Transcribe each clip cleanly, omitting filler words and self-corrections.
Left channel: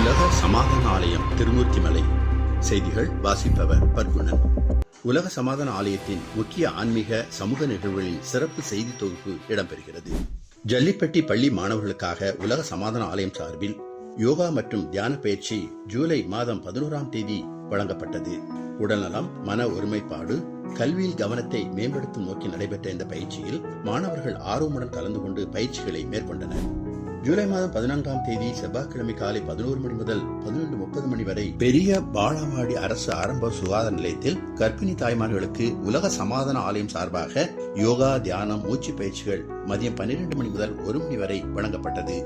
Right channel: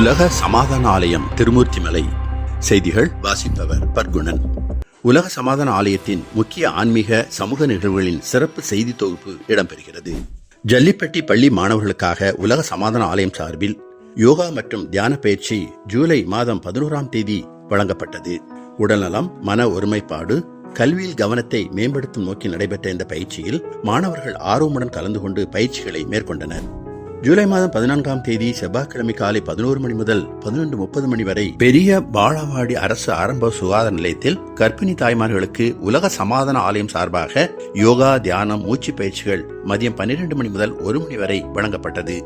உலக சமாதான ஆலயம் திருமூர்த்திமலை. செய்திகள் வாசிப்பவர் பர்குணன். உலக சமாதான ஆலயத்தின் முக்கிய ஆன்மீக சமூக நிகழ்வுகளின் சிறப்பு செய்தி தொகுப்பு இடம்பெறுகிறது. ஜல்லிப்பட்டி பள்ளி மாணவர்களுக்காக உலக சமாதான ஆலயம் சார்பில் யோகா மற்றும் தியான பயிற்சி ஜூலை மாதம் 11ஆம் தேதி வழங்கப்பட்டது. உடல்நலம், மன ஒருமைப்பாடு, கல்வியில் கவனத்தை மேம்படுத்தும் நோக்கில் நடைபெற்ற இந்த பயிற்சியில் மாணவர்கள் ஆர்வமுடன் கலந்து கொண்டு பயிற்சிகளை மேற்கொண்டனர். ஜூலை மாதம் 14ஆம் தேதி செவ்வாய்க்கிழமை காலை 11 மணி முதல் 11:30 மணி வரை பெரிய பாலவாடி அரசு ஆரம்ப சுகாதார நிலையத்தில் கர்ப்பிணி தாய்மார்களுக்கு உலக சமாதான ஆலயம் சார்பாக யோகா, தியானம், மூச்சு பயிற்சிகள் மதியம் 12 மணி முதல் 1 மணி வரை வழங்கப்பட்டது.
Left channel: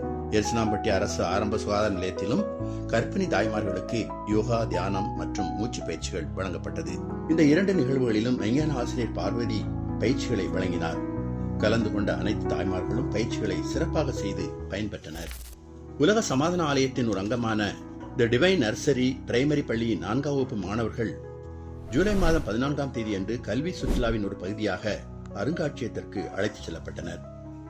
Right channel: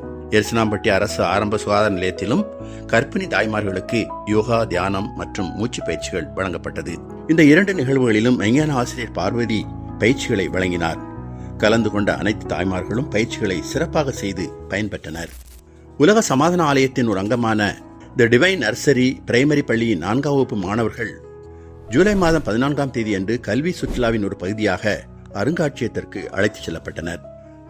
எர்சனாம்பட்டி அரசு ஆரம்ப சுகாதார நிலையத்திலும் கர்ப்பிணி தாய்மார்களுக்கு யோகா, தியானம் மற்றும் மூச்சு பயிற்சிகள் வழங்கப்பட்டது. இந்த 2 நிகழ்வுகளிலும் விஞ்ஞான ஆசிரியர் பார்வதி பயிற்சிகளை வழங்கினார். கலந்து கொண்ட அனைத்து தாய்மார்களும் பயிற்சிகளை சிறப்பாக செய்து பயன்பெற்றனர். உலக சமாதான ஆலயத்தின் ஒரு அங்கமான தி டிவைன் நர்சரி பிரைமரி பள்ளியின் 4ஆம் வகுப்பு மாணவர்கள் ஜூலை மாதம் 14ஆம் தேதி அன்று கல்வி சுற்றுலாவின் ஒரு பகுதியாக அருங்காட்சியகத்திற்கு அழைத்துச் செல்லப்பட்டனர்.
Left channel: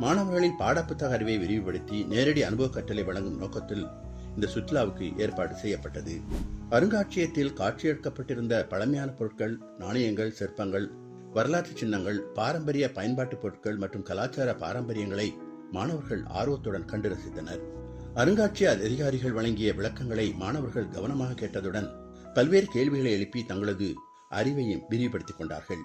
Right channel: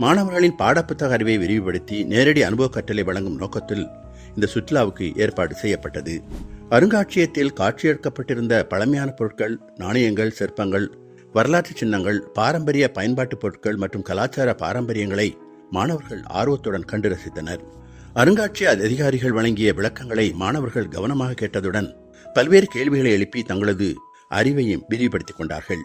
மாணவர்களின் பாடப்புத்தக அறிவை விரிவுபடுத்தி நேரடி அனுபவ கற்றலை வழங்கும் நோக்கத்தில் இந்த சுற்றுலாவுக்கு ஏற்பாடு செய்யப்பட்டது. அருங்காட்சியகத்தில் காட்சியெடுக்கப்பட்டிருந்த பழமையான பொருட்கள், நாணயங்கள், சிற்பங்கள், வரலாற்று சின்னங்கள், பாரம்பரிய பயன்பாட்டு பொருட்கள் மற்றும் கலாச்சார பாரம்பரியங்களை மாணவர்கள் ஆர்வத்துடன் கண்டு ரசித்தனர். அருங்காட்சியக அதிகாரிகள் வழங்கிய விளக்கங்களை மாணவர்கள் கவனமாக கேட்டதுடன் பல்வேறு கேள்விகளை எழுப்பி தங்களது அறிவையும் விரிவுபடுத்திக் கொண்டார்கள்.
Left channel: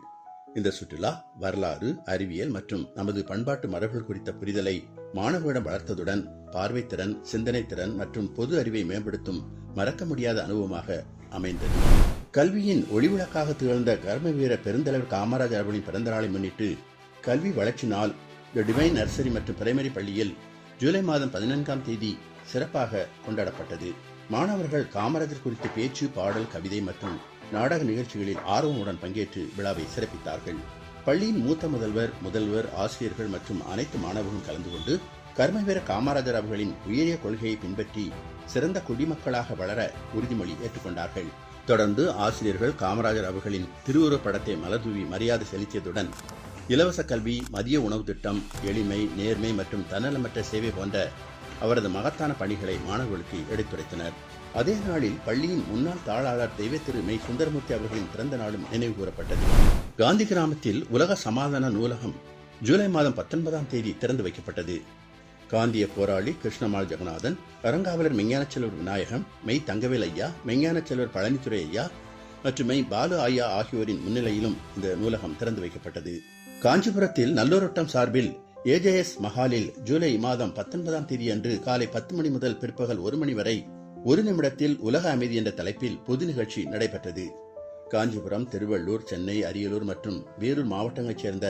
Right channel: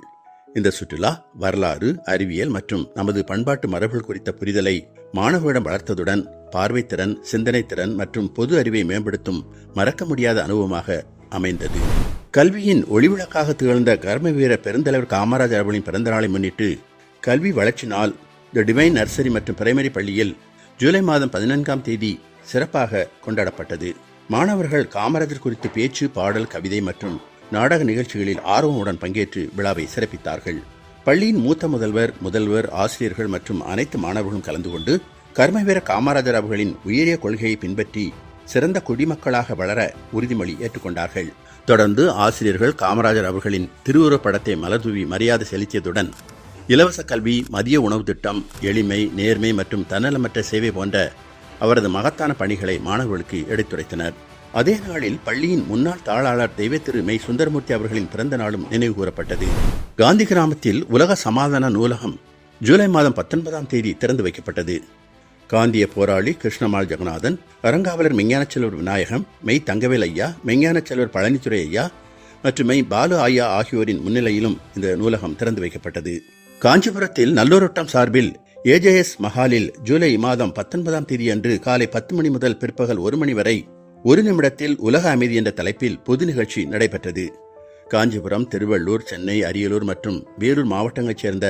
இந்த சுற்றுலா வரலாறு, அறிவியல் மற்றும் நமது பண்பாட்டு மரபுகள் குறித்த புரிதலை மாணவர்களிடம் வளர்த்ததுடன் பார்வைத்திறன், சிந்தனை திறன் மற்றும் பொது அறிவை மேம்படுத்தும் மறக்க முடியாத அனுபவமாக அமைந்தது. கல்வியின் ஒளிவிளக்காக திகழ்ந்த கர்ம வீர பெருந்தலைவர் காமராஜர் அவர்களின் பிறந்த நாளை முன்னிட்டு கல்வி வளர்ச்சி நாள் தி டிவைன் நர்சரி மற்றும் பிரைமரி பள்ளியில் ஜூலை மாதம் 14ஆம் தேதி சிறப்பாக கொண்டாடப்பட்டது. மாணவர்கள் காமராஜர் குறித்து பேச்சு, பாடல், கவிதை மற்றும் நாடக நிகழ்ச்சிகளில் ஆர்வமுடன் பங்கேற்று விழாவை சிறப்பித்தார்கள். பள்ளியின் மூத்த முதல்வர், ஆசிரியர்கள் மற்றும் அனைத்து மாணவர்களும் கலந்து கொண்டு கர்மவீர காமராஜர் அவர்களின் உயரிய கொள்கையை பின்பற்றி சிறந்த குடிமக்களாக வளர உறுதிமொழி ஏற்றுக்கொண்டார்கள். தொடர்ந்து ஆசிரியர்கள் காமராஜர் அவர்களின் திருவுருவப் படத்தை மலர்தூவி மரியாதை செலுத்தியதுடன் இலவச கல்வி, மதிய உணவு திட்டம், எளிமை, நேர்மை மற்றும் தன்னலமற்ற சேவை போன்ற அவரது மகத்தான பணிகளை மாணவர்களுக்கு எடுத்துரைத்தனர். அதே நாளில் பள்ளியின் முன்னாள் தாளாளர் தெய்வ திரு மெய் சுந்தரமூர்த்தி அவர்களின் பிறந்த நாளும் நினைவு கூறப்பட்டது. காந்தி கிராமத்தில் உலக சமாதான நூலகம் ஜூலை மாதம் 19ஆம் தேதி திறந்து வைக்கப்பட்டது. காந்திய போராளி கிருஷ்ணமால் ஜெகநாதன், அறங்காவலர் மெய்ஞான செல்வர் விநாயகம், மெய் தங்கவேல் ஐயா, மெய்ஞான செல்வர் பழனித்துறை ஐயா மற்றும் மெய் பாலு ஐயா ஆகியோரின் முன்னிலையிலும் இந்த நூலகம் திறந்து வைக்கப்பட்டது. காஞ்சிபுரத்தில் நல்லூரோட்டம் சார்பில் ஏஜேஎஸ் மஹாலில் ஜூலை மாதம் 19ஆம் தேதி அன்று காலை 10 மணி முதல் பிற்பகல் 1 மணி வரை 1 நிமிடத்தில் உலக அமைதி என்ற தலைப்பில் பொது நிகழ்ச்சி நடைபெற்றது. காஞ்சிபுரம், திருவள்ளூர், சென்னை, அரியலூர் மற்றும் வேலூர் மாவட்டங்களைச் சேர்ந்த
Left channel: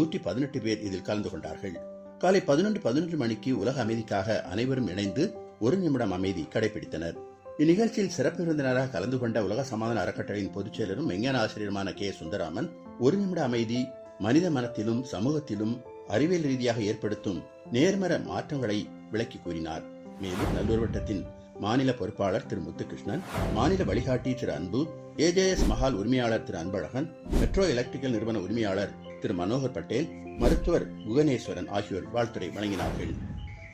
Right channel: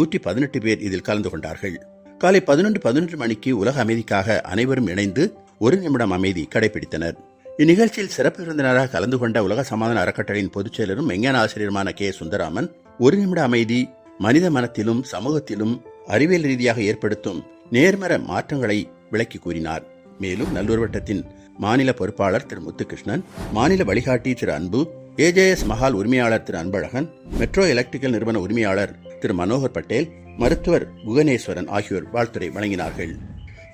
118 பேர் இதில் கலந்து கொண்டார்கள். காலை 11 மணிக்கு உலக அமைதிக்காக அனைவரும் இணைந்து 1 நிமிடம் அமைதி கடைபிடித்தனர். இந்நிகழ்ச்சியில் சிறப்பு விருந்தினராக கலந்து கொண்ட உலக சமாதான அறக்கட்டளையின் பொதுச் செயலரும் விஞ்ஞான ஆசிரியருமான கே. சுந்தராமன் 1 நிமிட அமைதி மனித மனத்திலும் சமூகத்திலும் அறிவியல் ரீதியாக ஏற்படுத்தும் நேர்மற மாற்றங்களை விளக்கி கூறினார். மேலும் நல்லூர் வட்டத்தின் மாநில பொறுப்பாளர் திரு முத்துகிருஷ்ணன், மாநில வழிகாட்டி திரு அன்பு, ஏஜேஎஸ் மஹால் உரிமையாளர் திரு அன்பழகன், மெட்ரோ எலக்ட்ரிக்கல் நிறுவன உரிமையாளர் திரு மனோகர் பட்டேல், மருத்துவர் குகனேஸ்வரன் ஆகியோர் வாழ்த்துரை வழங்கினார்கள்.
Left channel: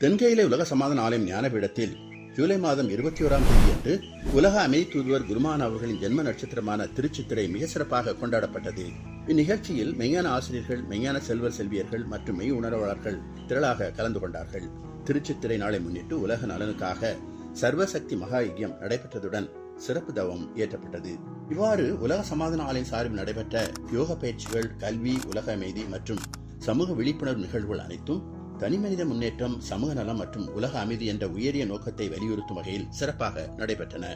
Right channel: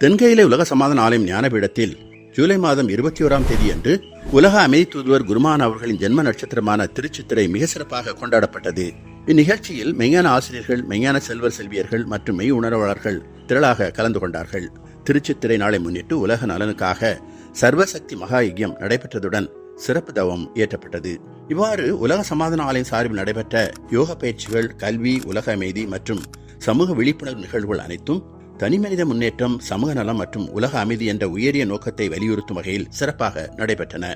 தென்கையிலே உலக சமாதான ஆலயம் ஞானபீடத்தில் ஜூலை மாதம் 21ஆம் தேதி அன்று உலக அமைதி தூதுவர் குருமான் அவர்களின் ஜென்ம நட்சத்திரமான திருச்சித்திரை மிக சிறப்பாக கொண்டாடப்பட்டது. இந்நிகழ்ச்சியில் மெய்ஞான ஆசிரியர்கள், மெய்ஞான செல்வர் செல்வியர்கள் மற்றும் மெய் உணர்வாளர்கள் திரளாக கலந்து கொண்டார்கள். திருச்சித்திரை நாளை முன்னிட்டு உலக நலனுக்காக சர்வசக்தி மகா யஜ்யம் நடைபெற்றதுடன் சிறப்பு தவம் ஏற்றப்பட்டது. இவ்வாறு உலக சமாதான ஆலயம் சார்பில் நடைபெற்ற யோக பயிற்சிகள், கல்வி, உலக அமைதி மற்றும் சமூக விழிப்புணர்வு நிகழ்வுகள் அனைத்தும் தனிமனித முன்னேற்றம், சமூக நலம் மற்றும் உலக அமைதி என்ற உயரிய நோக்கத்தை வலியுறுத்தும் வகையில் சிறப்பாக நடைபெற்றன.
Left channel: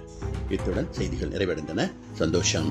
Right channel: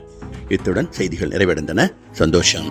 இத்துடன் செய்திகள் நிறைவடைந்தன. சந்தோஷம்.